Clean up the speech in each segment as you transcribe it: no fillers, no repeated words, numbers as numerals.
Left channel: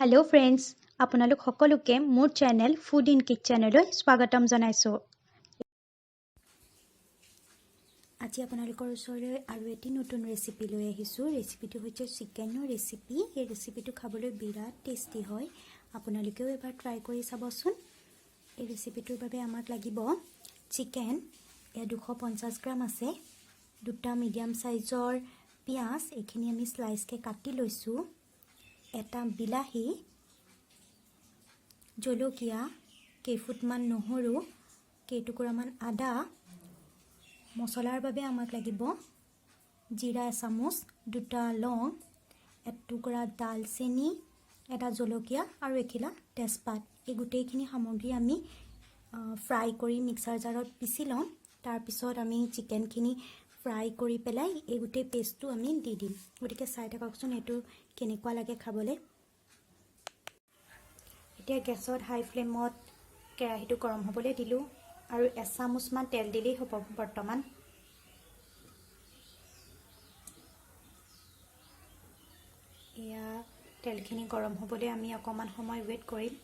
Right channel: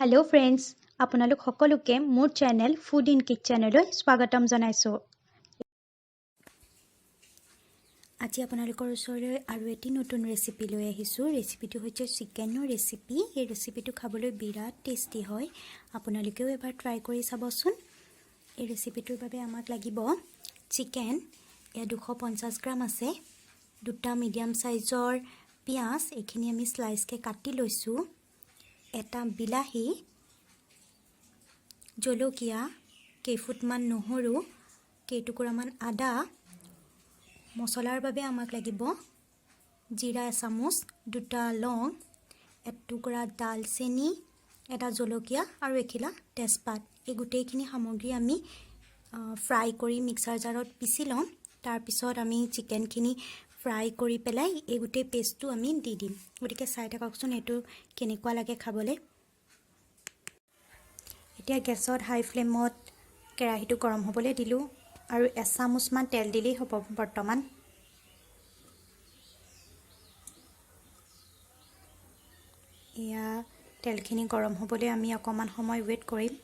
Hello' friends, আপোনালোক সকলোকে মোৰ চেনেল ফুড ইন কিটচেনলৈ স্বাগতম জনাইছোঁ। আজি আপোনালোকৰ ওচৰলৈ আৰু এটি নতুন ৰেচিপি লৈ আহিছোঁ। ৰেচিপিটো হৈছে চিকেনৰ ৰেচিপি। এই ৰেচিপিটো খাবলৈ বিৰাট টেষ্টি হয়। আপোনালোকেও এবাৰ ট্ৰাই কৰি চাবচোন। এই ৰেচিপিটোৰ বাবে আমাক লাগিব চিকেন, এয়া 250 গ্ৰাম আছে, দুটা মিডিয়াম চাইজৰ পিঁয়াজ, এইখিনি আমি স্লাইচকৈ কাটি লৈছোঁ, এটা বিলাহী, জলকীয়া, কেইফুটমান নহৰু, কেইটুকুৰামান আদা, মছলাৰ বাবে আমাক লাগিব জিৰা এচামুচ, দুটা লং, এটুকুৰা ডালচেনি, এটা জলকীয়া আৰু এখিলা তেজপাত। এই গোটেইখিনি সামগ্ৰী আমি ফ্ৰাই কৰি মিক্সাৰ জাৰত পিচি ল'ম। তাৰপিছত আমি চিকেনখিনি ফ্ৰাই কৰি পেলাই এই গোটেই পেষ্টটো আমি দি দিম। গতিকে চাই থাককচোন এইটো কেনেকুৱা লাগে খাবলৈ। এতিয়া গেছত হাই ফ্লেমত কেৰাহীটো গৰম হ'বলৈ দিলোঁ আৰু এচামুচমান তেল দিলেই হ'ব। বৰ্তমান এয়া তেলখিনি গৰম হ'বলৈ আমি অকণমান সময় ৱেইট কৰিম।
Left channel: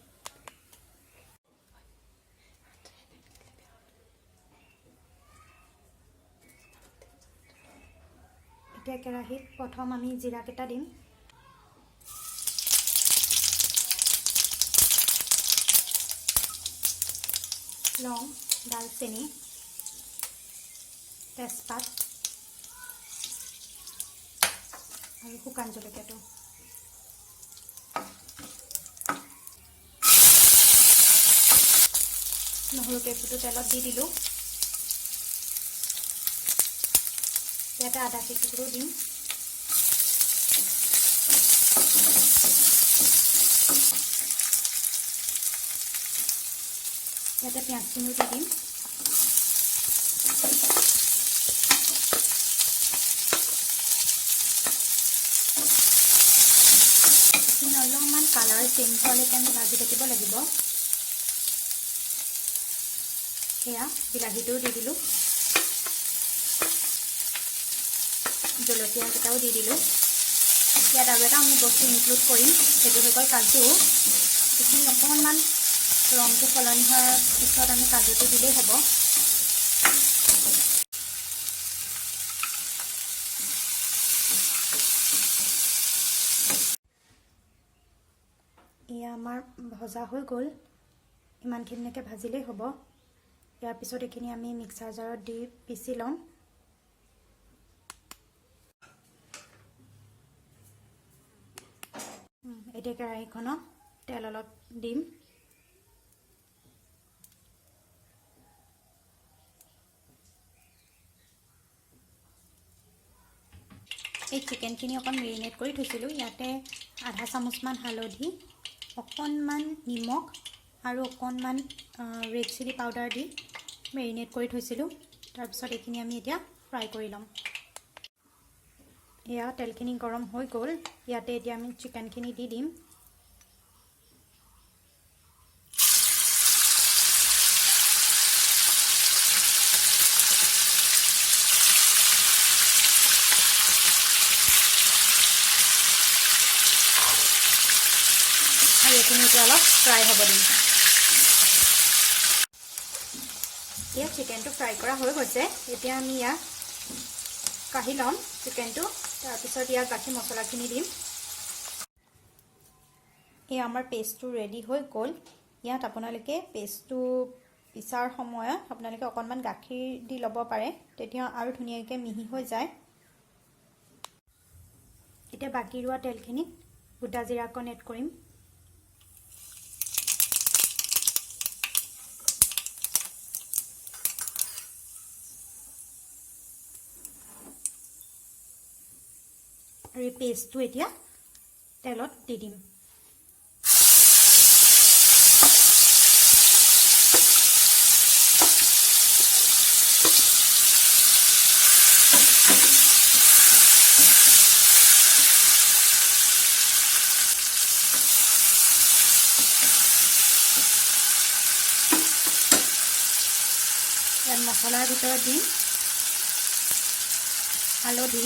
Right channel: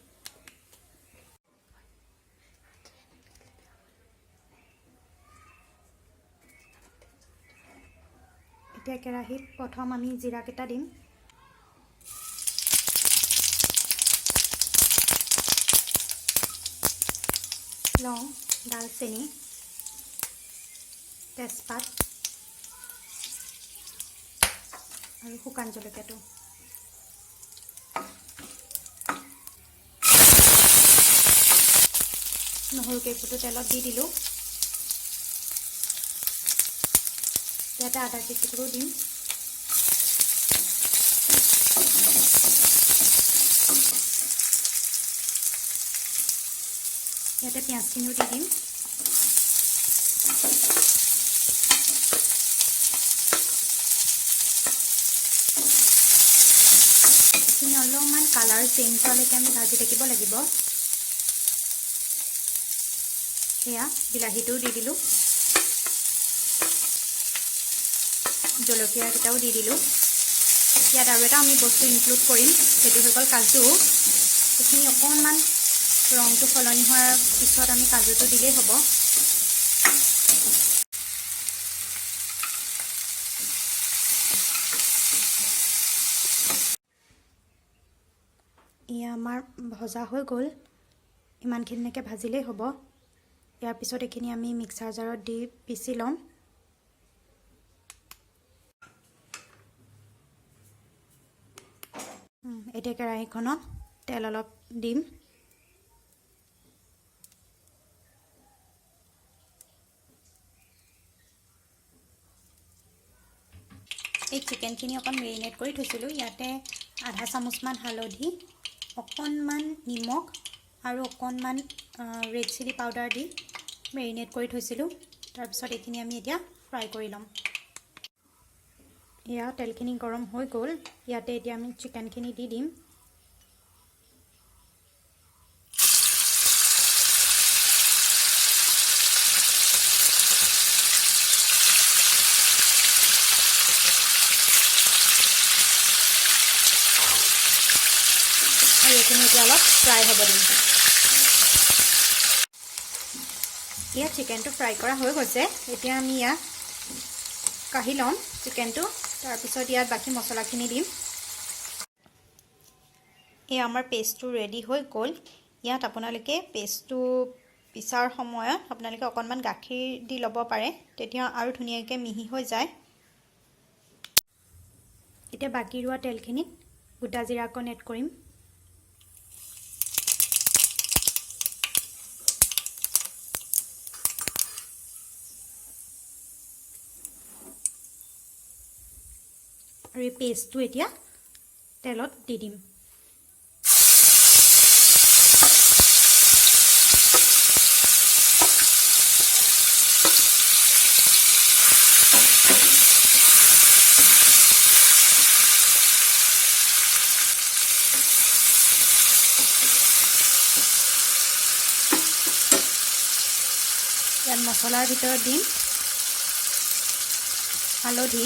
এতিয়া কেৰাহীত প্ৰথম আমি জিৰাকেইটা দিম, লং, ডালচেনি, তেজপাত আৰু শুকান জলকীয়াটো। নহৰু কেইফুটো তেলত দি দিলোঁ। ইয়াতে আদা কেইটুকুৰো দিম। ইয়াতে পিঁয়াজখিনিও দি দিম। এইখিনি অলপমান কালাৰ চেঞ্জ হোৱালৈকে আমি ভাজি থাকিব লাগিব। এয়া বিলাহীটোও দি দিলোঁ, জলকীয়াকেইটাও দি দিলোঁ। ইয়াত আৰু এটা আমি বস্তু ইনক্লুড কৰিম, সেইটো হৈ গ'ল কাজু। এইখিনি অকণমান ৰংটো সলনি হোৱাৰ পিছত আমি কাজুটো দিলেই হ'ব। এয়া আমাৰ ভজা হৈ গ'ল। ইমানখিনিলৈকে ভাজিলেই হ'ব। ইয়াৰ পিছত এইখিনি আমি মিক্সাৰ জাৰত দি পিচি ল'ম। এতিয়া কেৰাহীখনত তেল অলপ দিম। এই চিকেনখিনি অকণ মেৰিনেট কৰি থৈছিলোঁ। ইয়াতে আধা চামুচমান হালধি, অকণমান নিমখ আৰু অকণমান ৰেড চিলি পাউডাৰ দি মেৰিনেট কৰি থৈছিলোঁ। তাৰপিছত এইখিনি আমি এতিয়া ফ্ৰাই কৰি ল'ম। এয়া তেলখিনি গৰম হৈ গ'ল। ইয়াতে এতিয়া আমি চিকেনখিনি দি দিম। আৰু এইখিনি এতিয়া অলপ ফ্ৰাই হ'ব দিম। এয়া চিকেনটো ফ্ৰাই কৰা হৈ গৈছে। এতিয়া আমি ইয়াত কাঢ়ি ল'ম চিকেনটো। তাৰপিছত ইয়াত বাকী মছলাখিনি দিম। এয়া আমাৰ পেষ্টটো ৰেডি হৈ গ'ল। ইয়াত আপোনালোকে পেষ্টটো পিছাৰ সময়ত আপোনালোকে অকণমান গাখীৰ দি ল'ব পাৰে, তেতিয়া আৰু ধুনীয়াকৈ মিহি হৈ যায়। এতিয়া বাকী ৰোৱা তেলখিনিত গোটা জিৰা অকণ এড কৰিম। আৰু এই পেষ্টটো এতিয়া তেলত দি দিম। ইয়াত মছলাৰ ভিতৰত দিম হালধি,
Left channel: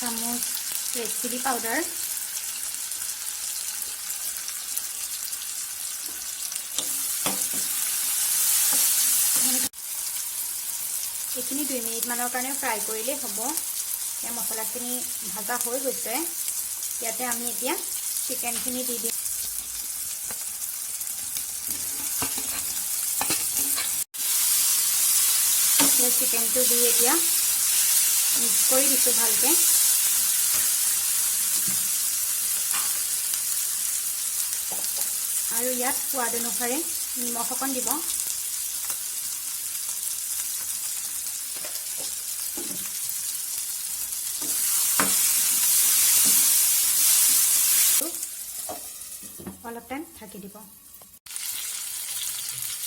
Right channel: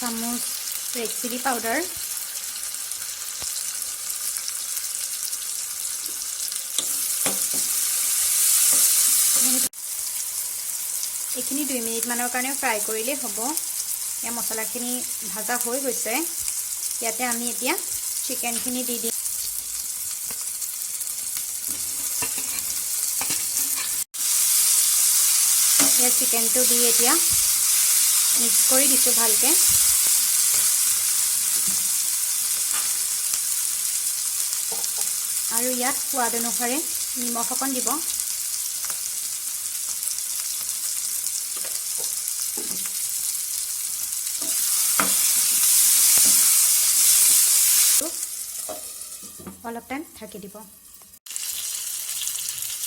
চামুচ ৰেড চিলি পাউডাৰ, এইখিনি 2 মিনিটমানৰ কাৰণে ফ্ৰাই কৰিলেই হ'ব। এতিয়া মছলাখিনি ভাজা হৈ গৈছে। ইয়াতে আমি এতিয়া চিকেনখিনি দি দিম। ইয়াত চিকেনটো দি এতিয়া মিক্স কৰি দিছোঁ ভালকৈ। আৰু ইয়াত সোৱাদ অনুসাৰে নিমখ অকণ দিব। অলপ টাইম ঢাকি দিব।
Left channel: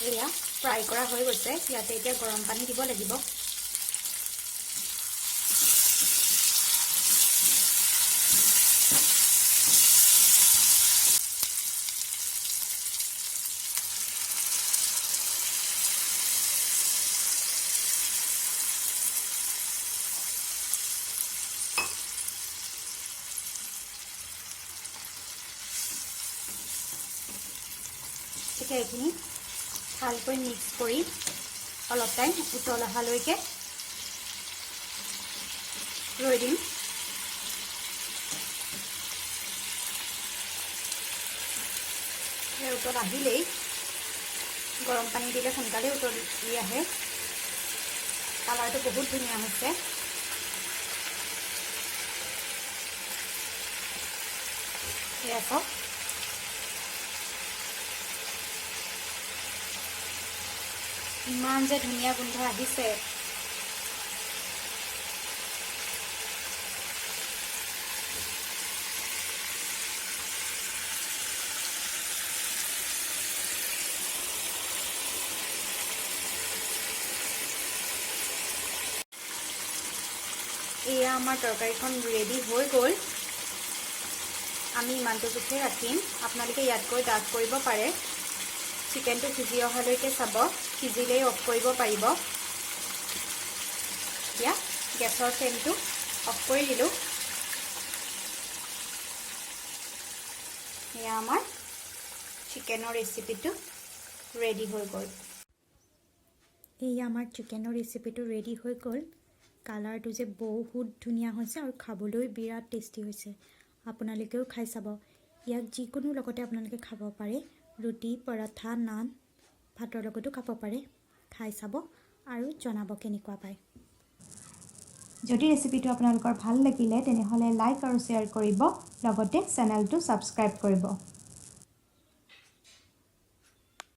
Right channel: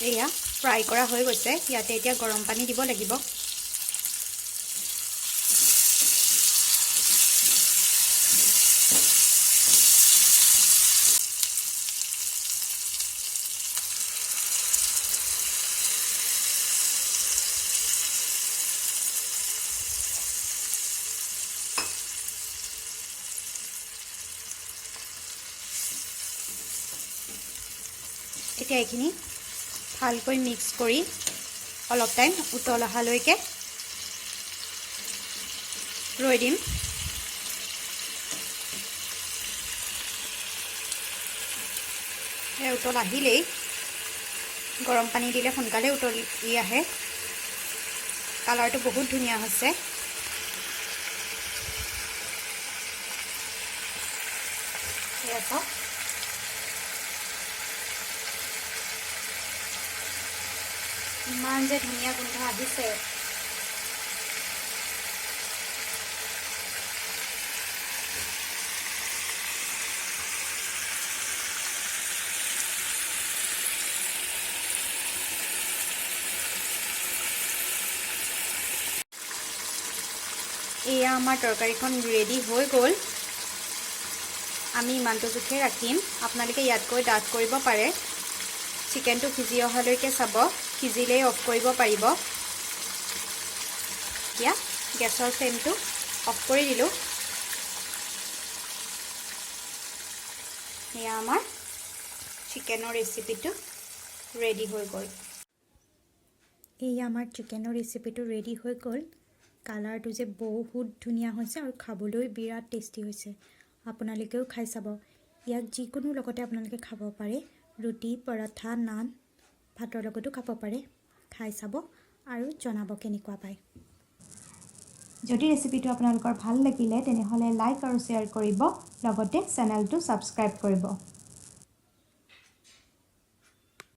এয়া ফ্ৰাই কৰা হৈ গৈছে। ইয়াতে এতিয়া গৰম পানী দিব লাগিব। এতিয়া এইখিনি ভালকৈ মিক্স কৰি অলপ টাইম উতল অহালৈকে ৰৈ দিম। উতল আহিলেই গৰম পানী দিলে সোনকালে উতলি আহে। কালাৰটো বহুত ধুনীয়া হৈছে। এয়া চাওক, ইমান যে ধুনীয়া গোন্ধ আহিছে। এয়া আমাৰ তৰকাৰীখন ৰেডি হৈ গ'ল। আমি ইমানটো জোখে ৰাখিম। আপোনালোকে ইয়াতকৈ ডাঠ কৰিব পাৰে। চিকেনটো সিজি অহালৈকে চাব, সিজিলেই অফ কৰিব পাৰিব। এতিয়া গেছৰ ফ্লেমটো অফ কৰি দিলোঁ। এয়া আমাৰ চিকেনৰ ৰেচিপিটো ৰেডি হৈ গ'ল। এয়া আমাৰ চিকেনৰ ৰেচিপিটো ৰেডি হৈ গ'ল। কালাৰটো যে বহুত ধুনীয়া হৈছে আৰু খাবলৈ বিৰাট টেষ্টি হৈছে। আপোনালোকেও খাই চাব। ইয়াক যিকোনো লগতে আপোনালোকে খাব পাৰে। ৰুটি, পৰঠা, নান, ভাতৰ লগতো খাব পাৰে। খাই চাব আৰু জনাব কেনেকুৱা পায়। যদি ৰেচিপিটো আপোনালোকৰ ভাল লাগিলে তেনেহ'লে লাইক আৰু শ্বেয়াৰ কৰিব, লগতে চেনেলটো ছাবস্ক্ৰাইব কৰিব।